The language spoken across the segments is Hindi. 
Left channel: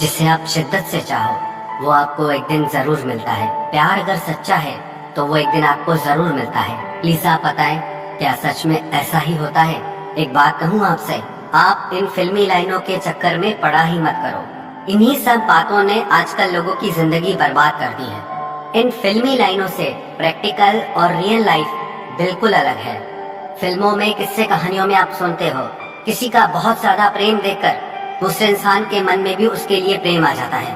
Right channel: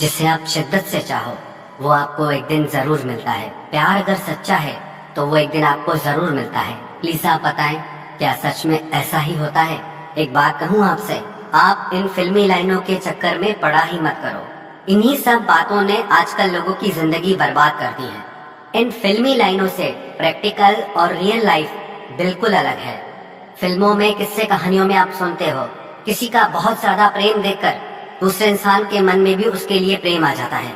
जिसे आप शिद्दत से चाहो वो आपको एक दिन जरूर मिलता है। प्यार अगर सच्चा है तो वो एक दिन आपको जरूर मिलता है। प्लीज आप बताएं, क्या सच में ऐसा ही होता है? एक बात कहूँ आपसे, आप इन फिल्मी लाइनों के चक्कर में पड़ा ही मत करो। इन्हीं सब बातों ने आजकल लोगों की जिंदगी बर्बाद कर दी है। इन फिल्मी लाइनों से प्रैक्टिकल और रियल लाइफ बिल्कुल अलग है। फिल्मों में किस्से कहानियों में आप सुनते हो किसी का बहुत ज्यादा प्रेम देखकर दूसरे इंसान के मन में भी उसके लिए प्रेम आ जाता है,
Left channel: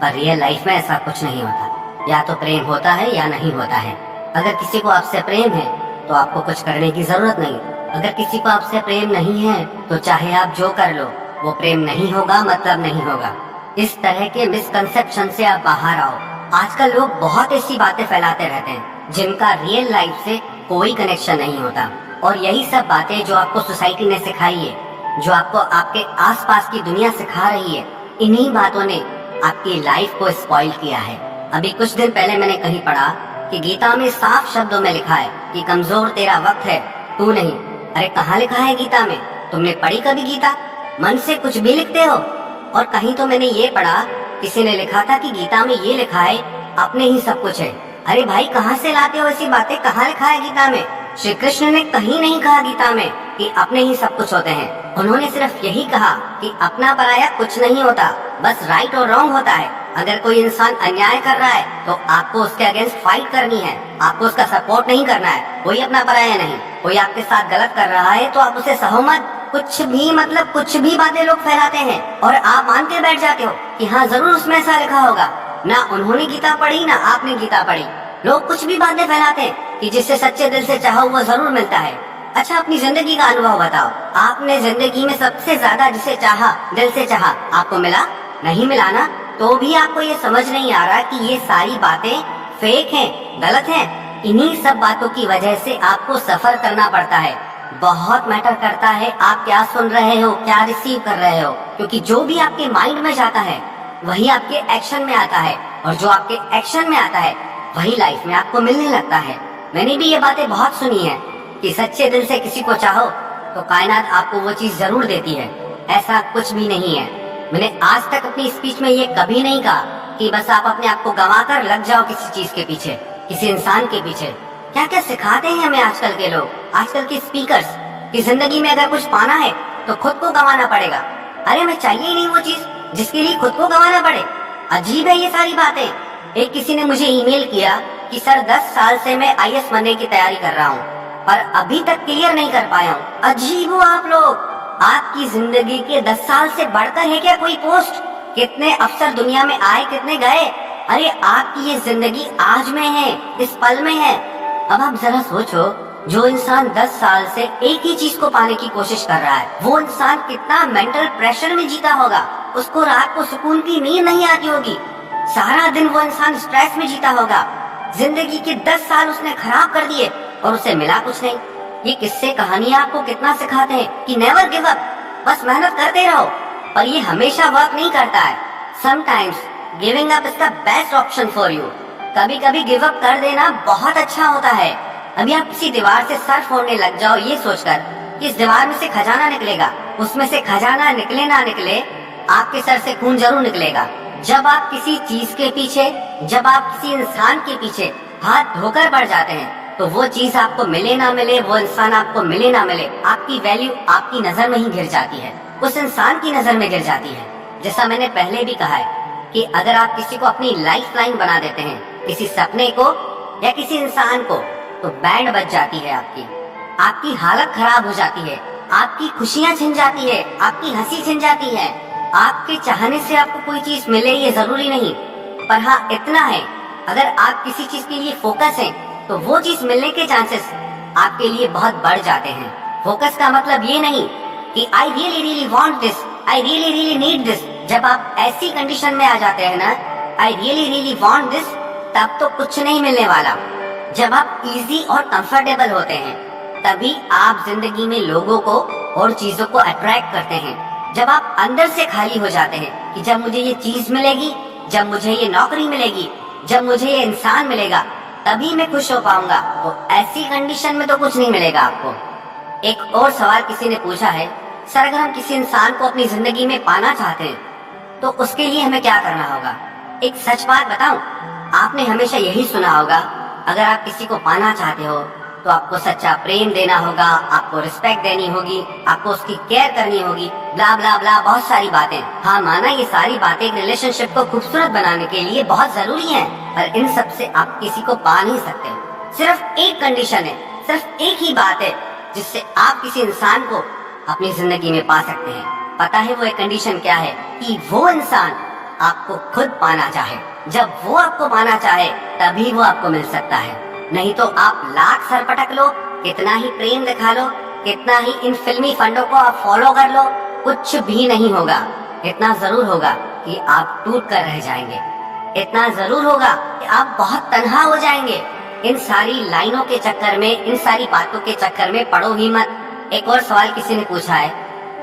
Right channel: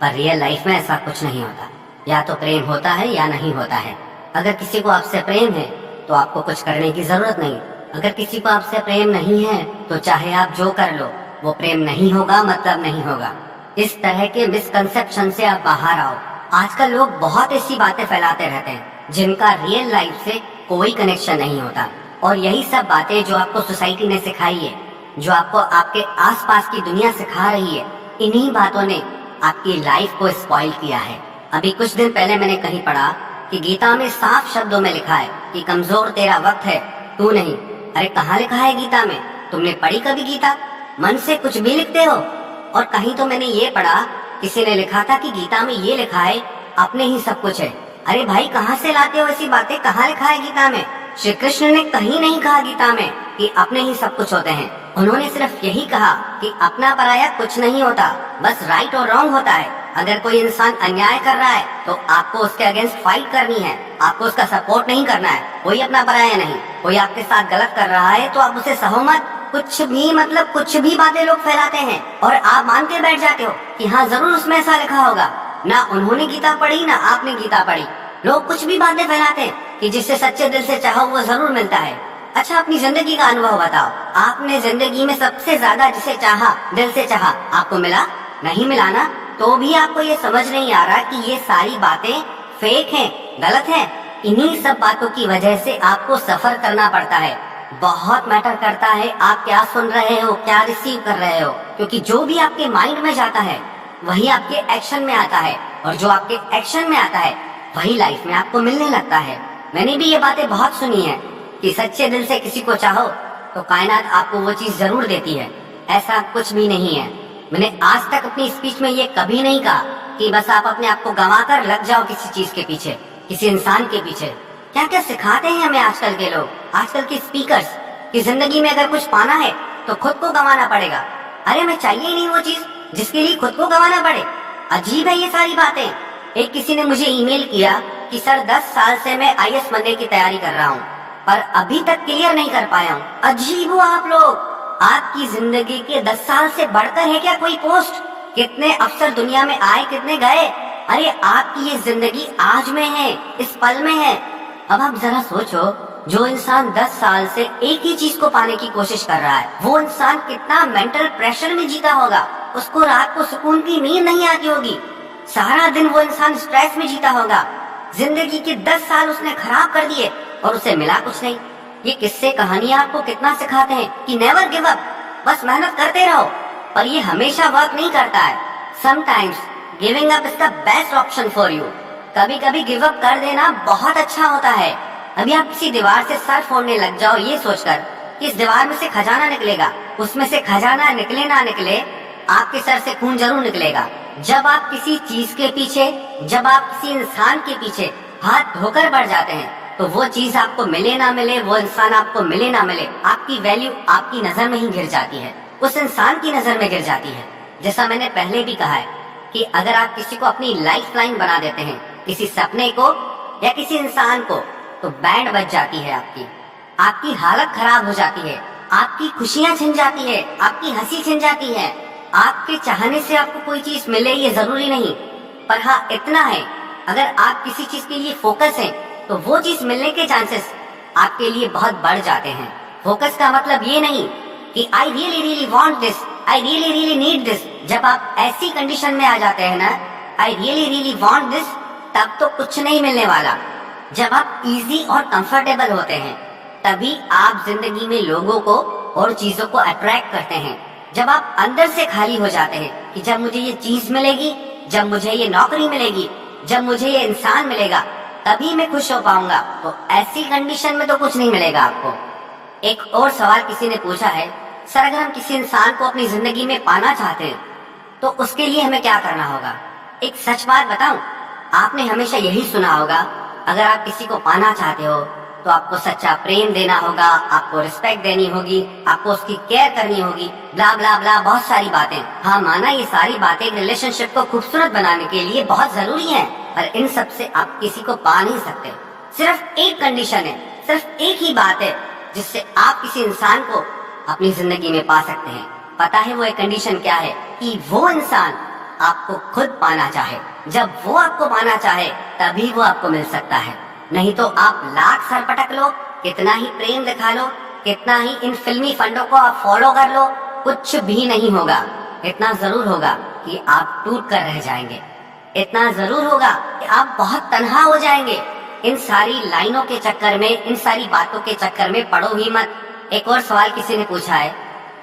पर रियल लाइफ में ऐसा कुछ नहीं होता। या तो प्रेम होता है या नहीं होता है। अगर किसी को आपसे प्रेम है तो आपको कुछ करने की जरूरत नहीं। अगर किसी को आपसे प्रेम नहीं है तो चाहे आप जो कर लो वो प्रेम नहीं होगा, मतलब नहीं होगा। इस तरह के मिसकंसेप्शन से आप बाहर आओ। आजकल लोग बहुत ऐसी बातें फैलाते रहते हैं जिनका रियल लाइफ से कोई कनेक्शन नहीं होता, और यही सब बातें जो आपको सोसाइटी ने सिखाई है, जो आपको आपके आसपास की दुनिया सिखा रही है, इन्हीं बातों ने आपकी लाइफ को स्पॉइल किया है। अभी कुछ दिन पहले मैंने कहीं पढ़ा कि गीता में साफ शब्दों में लिखा है कि कमजोर तेरा वक्त है, तू नहीं। अरे कहाँ लिखा है गीता में? तुमने पढ़ी कभी गीता? मन से कुछ भी लिखते हो। और कहीं तो मैंने ये पढ़ा, किसी ने लिखा था कि गीता में ये लिखा है अपने ही सब कुछ है। अरे भाई कहाँ से लाते हो ऐसी बातें? कहाँ लिखा है गीता में? श्री कृष्ण ने कहीं नहीं कहा गीता में कि अपने ही सब कुछ होते हैं। उन्होंने सिर्फ यही कहा कि अपना पराया कुछ नहीं होता, बस राइट और रॉन्ग होता है। अगर कोई इंसान अन्याय कर रहा है तो आपको उसके अगेंस्ट फाइट करनी है, आपको उसका सपोर्ट नहीं करना है। कोई अपना पराया नहीं। कोई आपके साथ गलत कर रहा है तो आप उसे सहो मत। कुछ भी मतलब कुछ भी बातें लोग फैलाते हैं और आप मान के बैठ जाते हो कि हाँ जरूर उसमें ऐसा लिखा होगा। ना उन्होंने गीता पढ़ी ना आपने गीता पढ़ी। लोग कुछ भी बातें फैलाते हैं कि जिससे सच्चे दिल से चाहो वो जरूर मिलता है। अच्छा अपनी जिंदगी का अनुभव बताओ। आपने जिंदगी में सबसे ज्यादा जिसे चाहा, दिल से चाहा, आपको मिला? नहीं मिला ना? तो भी आपको ये समझ नहीं आ रहा कि ये सारी बातें फेक हैं, गलत हैं। इन्हीं सब बातों की वजह से आपको सफर करना पड़ता है। बहुत मैटर करता है आप क्या सुन रहे हो, क्या रिसीव कर रहे हो, क्योंकि जो भी आपके माइंड में जाता है वही आपके एक्शन में आता है, और जो आपके एक्शन में आता है वही लाइफ में आपको मिलने लगता है। मैंने भी ये बातें बहुत सुनी है कि सच्चे दिल से किसी को चाहो तो कायनात आपको वो चीज जरूर देती है। ऐसा कुछ भी नहीं है। मैंने आज तक अपनी स्पीच में ये कभी नहीं कहा कि बस आप अपने आप को गंवा कर लग जाओ किसी चीज के पीछे, किसी इंसान के पीछे। क्या क्या सिखाते हैं हमें आजकल के लोग, आजकल के स्पीकर्स, कि जिंदगी में अगर कुछ पाना है तो खुद को गंवाना पड़ेगा। अरे मैं चाहिए ही नहीं वो चीज जिसके लिए खुद को गंवाना पड़े। अजीब है ये सारी बातें। एक किसी ने मुझे ईमेल किया कि सर 10 साल से मैं आईएएस बनने की तैयारी कर रहा हूँ पर अभी तक क्लियर नहीं कर पाया हूँ। अजीब हो आप लोग। आपकी जिंदगी के 10 साल से बढ़कर है क्या कोई पोस्ट? कितने अफसर दुनिया में आए, कितने गए? अरे आपकी ये जिंदगी आज में है, इस पल में है। अब आप जरा सोचो, जो इंसान 10 साल से एक ही चीज को पाने की कोशिश कर रहा है, वो इंसान कितना मेंटल प्रेशर में जीता होगा। उसको रात को सुकून की नींद नहीं आती होगी। सारा दिन वो इंसान स्ट्रेस में जीता होगा। जिंदगी के 10 साल उसने खराब कर दिए और उसे मिला कुछ नहीं। ये किस्से कहानियां आपको कितना सिखाते हैं कि नेवर गिव अप, बस मेहनत करते रहो। पर ये हमेशा वर्क नहीं करता है। Sometimes giving up is the best option for you. कभी कभी गिव अप कर देना बहुत अच्छा होता है। अभी आप किसी दीवार से सर फोड़ने लग जाओ ये सोचकर कि इस दीवार में से खजाना निकलेगा, उसमें से खजाना निकले ना निकले, आपके सर से खून जरूर निकलेगा। जब आप किसी चीज के पीछे, जब आप किसी इंसान के पीछे हाथ धोकर बढ़ जाते हैं तो वो चीज आपको मिले ना मिले, वो इंसान आपको मिले ना मिले, आपकी वैल्यू आपकी नजर में ही गिर जाती है, उस इंसान की नजर में गिर जाती है। जैसा मैंने पहले भी कहा है कि अगर आप किसी को अपनी लाइफ लाइन बना देते हैं, किसी सपने को या किसी इंसान को, तो बैंड बज जाती है आपकी हालत खराब हो जाती है, आपकी खुशियां छिन जाती है, आपकी हंसी छिन जाती है। आपके चाहने से आपको कोई चीज मिले ये जरूरी नहीं, पर हाँ इतना है, अगर आप किसी चीज के लिए फोकस हैं तो वो चीज मिलने के चांसेस आपके लिए बहुत बढ़ जाते हैं। फोकस का मतलब ये नहीं कि I really really want this, I really really need this. जब आप ऐसी कंडीशन में आ जाते हैं ना, I really really want this, तब तो कुछ नहीं मिलने वाला। जब आप इजी और कंफर्टेबल होते हैं तभी आप जिंदगी में लोगों को और चीजों को अट्रैक्ट करते हैं। जब आप अंदर से खाली हो जाते हैं कि जब मुझे ये चीज मिलेगी, जब मुझे ये नौकरी मिलेगी, जब मुझे ये इंसान मिलेगा, तभी मैं खुश हो पाऊंगा, तो ऐसी कंडीशन में तो कुछ नहीं मिलेगा आपको। एक और सवाल किसी ने पूछा है, सर अगर हम किसी इंसान को अपनी जिंदगी में पाना चाहते हैं तो उसके लिए हमें क्या करना होगा? एक सच बात बताऊं, आपने हमेशा यही सुना होगा, अगर आप किसी को पाना चाहते हो तो आपको सच्चा प्रेम देना होगा, आपको रिस्पेक्ट देनी होगी, आपको उसकी केयर करनी होगी, ब्ला ब्ला ब्ला, बहुत सारी बातें। हाँ, माना ये सारी बातें एक रिलेशनशिप को खूबसूरत बनाने के लिए बहुत जरूरी हैं, पर इन सब से आप किसी को पा नहीं सकते। सिर्फ एक कंडीशन है, सिर्फ एक ही बात है जिससे आप किसी इंसान को अपनी जिंदगी में पा सकते हैं। पता है वो एक कंडीशन क्या है? कि वो इंसान आपको खुद पाना चाहे। जब वो आपको पाना चाहे तभी वो आपको मिल सकता है, नहीं तो आप लाख सर पटक लो, कितना ही प्रेम दिखा लो, कितना ही इन फिल्मी फंडों को आप फॉलो कर लो, कुछ भी नहीं होगा। इतना जरूर होगा कि आप टूट कर रह जाएंगे, इतना जरूर होगा कि आप बहुत तन्हा हो जाएंगे। इन सारी लाइनों के चक्कर में, इन सारी बातों के चक्कर में पड़ो ही मत। एक और सवाल किसी ने पूछा है,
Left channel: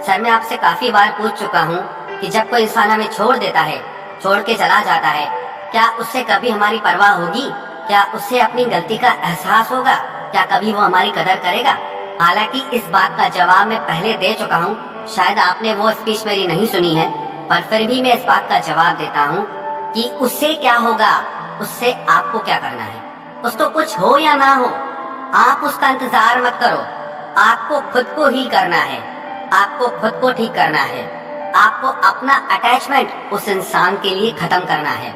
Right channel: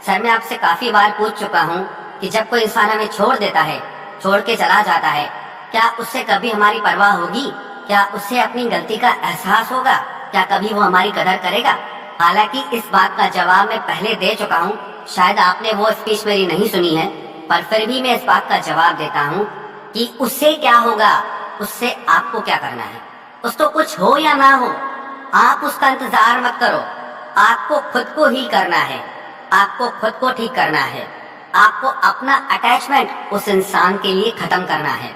सर मैं आपसे काफी बार पूछ चुका हूँ कि जब कोई इंसान हमें छोड़ देता है, छोड़ के चला जाता है, क्या उससे कभी हमारी परवाह होगी? क्या उससे अपनी गलती का एहसास होगा? क्या कभी वो हमारी कदर करेगा? हालांकि इस बात का जवाब मैं पहले दे चुका हूँ, शायद आपने वो स्पीच मेरी नहीं सुनी है, पर फिर भी मैं इस बात का जवाब देता हूँ कि उससे क्या होगा, उससे आपको क्या करना है। उसको कुछ हो या ना हो, आप उसका इंतजार मत करो, आपको खुद को ही करना है, आपको खुद को ठीक करना है, आपको अपना अटैचमेंट उस इंसान के लिए खत्म करना है।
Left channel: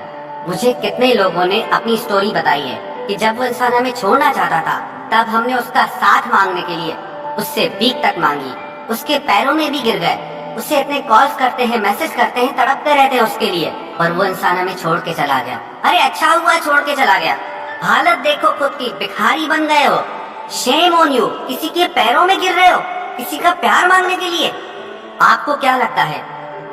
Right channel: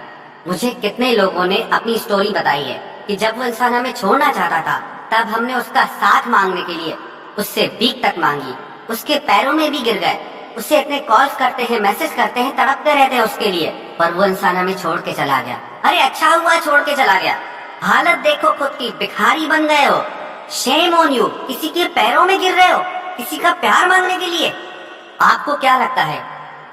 मुझे कितने लोगों ने अपनी स्टोरी बताई है कि जब वो इंसान हमें छोड़ना चाहता था, तब हमने उसका साथ मांगने के लिए उससे भीख तक मांगी, उसके पैरों में भी गिर गए, उससे इतने कॉल्स करते हैं, मैसेज करते हैं, तड़पते रहते हैं उसके लिए, पर वो इंसान हमें छोड़ के चला गया। अरे अच्छा हुआ छोड़ के चला गया, हालत देखो खुद की, भिखारी बन गए हो, शेम ऑन यू, किसी के पैरों में गिर रहे हो किसी का प्यार मांगने के लिए। आपको क्या लगता है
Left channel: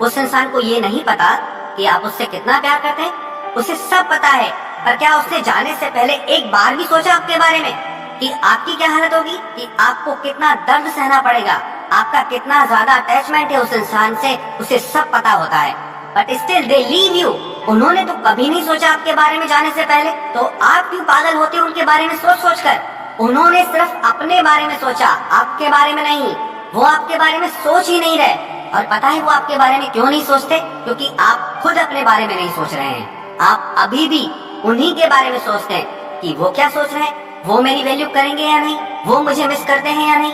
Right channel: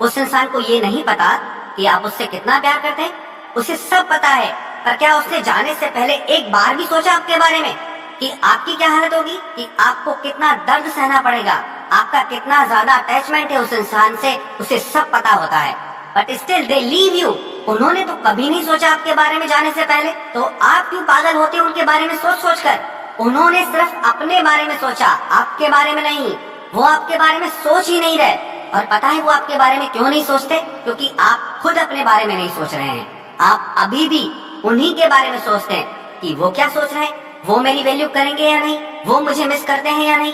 उस इंसान को ये नहीं पता कि आप उससे कितना प्यार करते हैं? उसे सब पता है, पर क्या उसने जाने से पहले एक बार भी सोचा आपके बारे में कि आपकी क्या हालत होगी, कि आपको कितना दर्द सहना पड़ेगा, आपका कितना ज्यादा अटैचमेंट है उस इंसान से, उसे सब पता होता है, but still they leave you. उन्होंने तो कभी नहीं सोचा आपके बारे में जाने से पहले, तो आप क्यों पागल होते उनके बारे में सोच सोच कर? उन्होंने सिर्फ अपने बारे में सोचा, आपके बारे में नहीं। वो आपके बारे में सोच ही नहीं रहे, और पता है वो आपके बारे में क्यों नहीं सोचते? क्योंकि आप खुद अपने बारे में नहीं सोच रहे हैं। आप अभी भी उन्हीं के बारे में सोचते हैं कि वो क्या सोच रहे हैं, वो मेरी वैल्यू करेंगे या नहीं, वो मुझे मिस करते हैं या नहीं।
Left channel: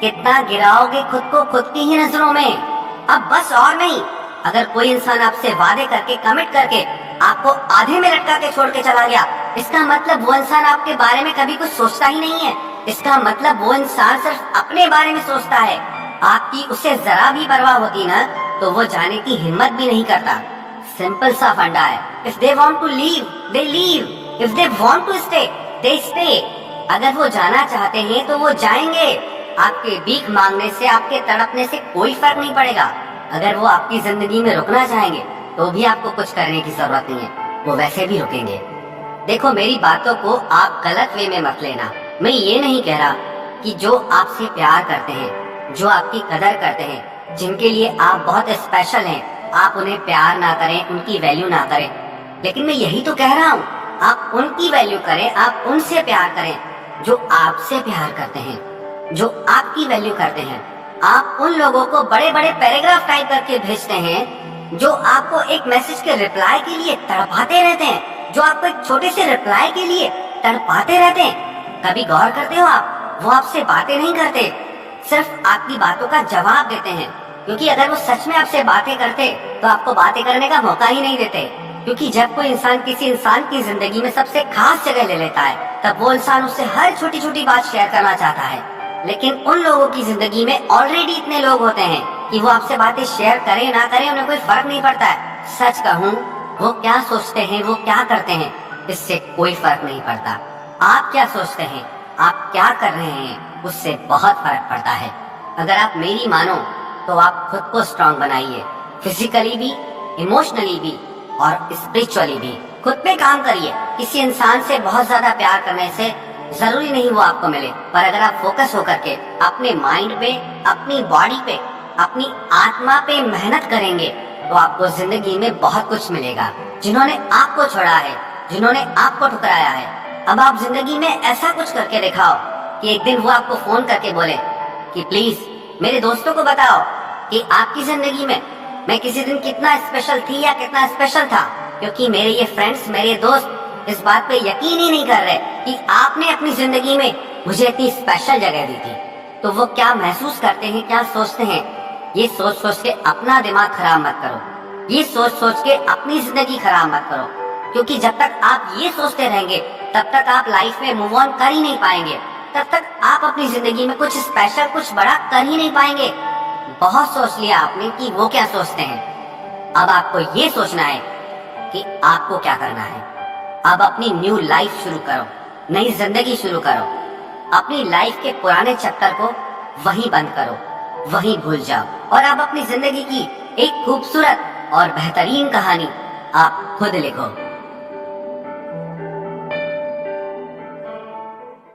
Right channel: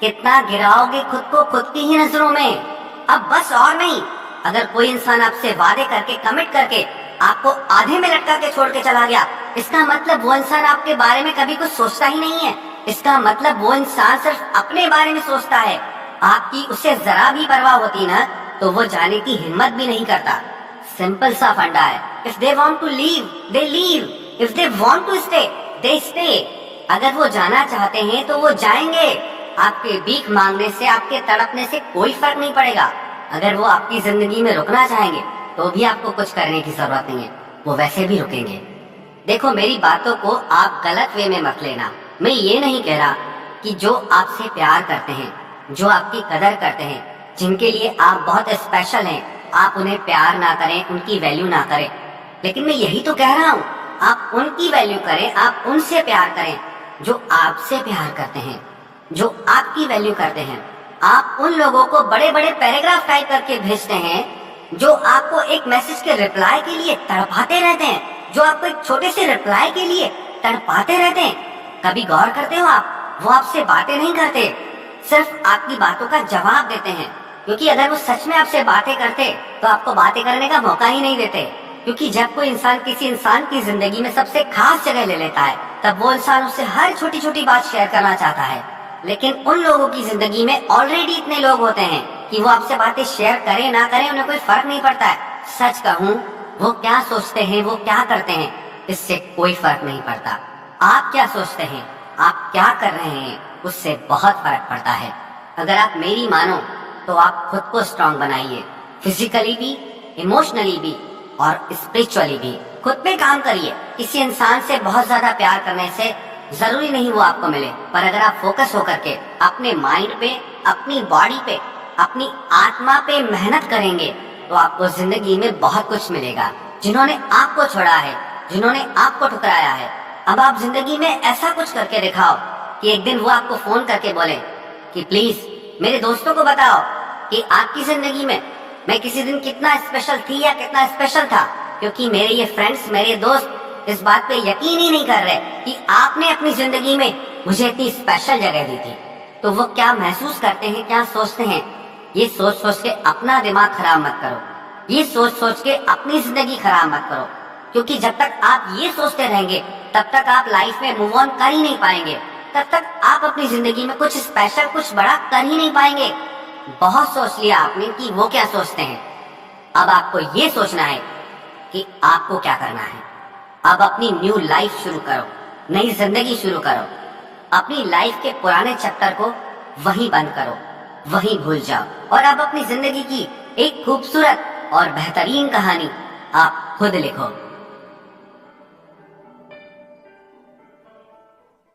कितना गिराओगे खुद को खुद की ही नजरों में। अब बस और नहीं, अगर कोई इंसान आपसे वादे करके, कमिट करके आपको आधे में लटका के छोड़ के चला गया, इसका मतलब वो इंसान आपके बारे में कभी कुछ सोचता ही नहीं है। इसका मतलब वो इंसान सिर्फ अपने बारे में सोचता है। आपकी उससे जरा भी परवाह होती ना, तो वो जाने की हिम्मत भी नहीं करता। सिंपल सा फंडा है, if they want to leave they leave, if they want to stay they stay. अगर वो जाना चाहते हैं तो वो जाएंगे। आपके भीख मांगने से, आपके तड़पने से कोई फर्क नहीं पड़ेगा। अगर वो आपकी जिंदगी में रुकना चाहेंगे तो भी आपको कुछ करने की जरूरत नहीं है, वो वैसे भी रुकेंगे। देखो, मेरी बातों को आप गलत वे में मत लेना। मैं ये नहीं कह रहा कि जो आपसे प्यार करते हैं, जो आपकी कदर करते हैं, जिनके लिए आप बहुत स्पेशल हैं, आप उन्हें प्यार ना करें, उनकी वैल्यू ना करें। लेकिन मैं यही तो कह रहा हूँ, आप उनकी वैल्यू करें, आप उनसे प्यार करें जो आपसे प्यार करते हैं, जो आपकी वैल्यू करते हैं। आप उन लोगों को बड़े बड़े पैराग्राफ टाइप करके भेजते हैं, जो आपको एक मैसेज के रिप्लाई के लिए तड़पाते रहते हैं, जो आपको एक छोटे से रिप्लाई के लिए तड़पाते रहते हैं। कभी गौर करते हो आप, वो आपसे बातें नहीं करते, सिर्फ आपकी बातों का जवाब देते हैं। क्योंकि अगर वो सच में आपसे बातें करते तो आपको बातें करने का मौका ही नहीं देते। क्योंकि जब कोई इंसान किसी इंसान की जिंदगी में सबसे खास जगह ले लेता है, तब वो इंसान उससे हर छोटी छोटी बात शेयर करना चाहता है। लेकिन उन लोगों की जिंदगी में ऑलरेडी इतने लोग होते हैं कि वो आपसे बातें शेयर करें ना करें, उन्हें कोई फर्क नहीं पड़ता है। सच कहूँ, वो क्या सोचते हैं, वो क्या करते हैं, इससे कोई फर्क नहीं पड़ता। आप क्या सोचते हैं, आप क्या कर रहे हैं, उससे बहुत फर्क पड़ता है। अगर आप मेरी मानो तो आप खुद को स्ट्रांग बनाइए, फिजिकली भी, इमोशनली भी और स्पिरिचुअली भी। खुद पे काम करिए। किसी इंसान से बहुत ज्यादा प्यार करने से जरूरी नहीं वो आपको मिले, पर अगर आप फोकस होकर के अपने माइंड पे, अपनी बॉडी पे, अपनी आत्मा पे मेहनत करेंगे तो आपको जिंदगी में बहुत कुछ मिलेगा। जिन्होंने आपको छोड़ा है, जिन्होंने आपको ठुकराया है, अब आप जिंदगी में ऐसा कुछ करके दिखाओ कि एक दिन वो आपको फोन करके बोले कि प्लीज मेरे दोस्तों को बताओ कि आपकी जिंदगी में मैं किसी दिन कितना स्पेशल थी या कितना स्पेशल था, क्योंकि मेरे ये फ्रेंड्स, मेरे दोस्त इस बात पे यकीन ही नहीं कर रहे कि आपने अपनी जिंदगी में मुझे इतनी स्पेशल जगह दी थी। तो वो क्या महसूस करते हैं, क्या सोचते हैं, ये सोच सोच के अपना दिमाग खराब मत करो, ये सोच सोच के अपनी जिंदगी खराब मत करो, क्योंकि जब तक आप ये सोचते रहेंगे तब तक आप लाइफ में मूव ऑन कर ही नहीं पाएंगे, तब तक आप अपनी जिंदगी में कुछ स्पेशल, कुछ बड़ा कर ही नहीं पाएंगे। बहुत सोच लिया आपने कि वो क्या सोचते हैं, अब आपको ये सोचना है कि आपको क्या करना है। अब अपनी न्यू लाइफ शुरू करो, नई जिंदगी शुरू करो। अपनी लाइफ के पुराने चैप्टर को वहीं बंद करो, वहीं भूल जाओ और अब अपनी जिंदगी की एक खूबसूरत और बेहतरीन कहानी आप खुद लिखो।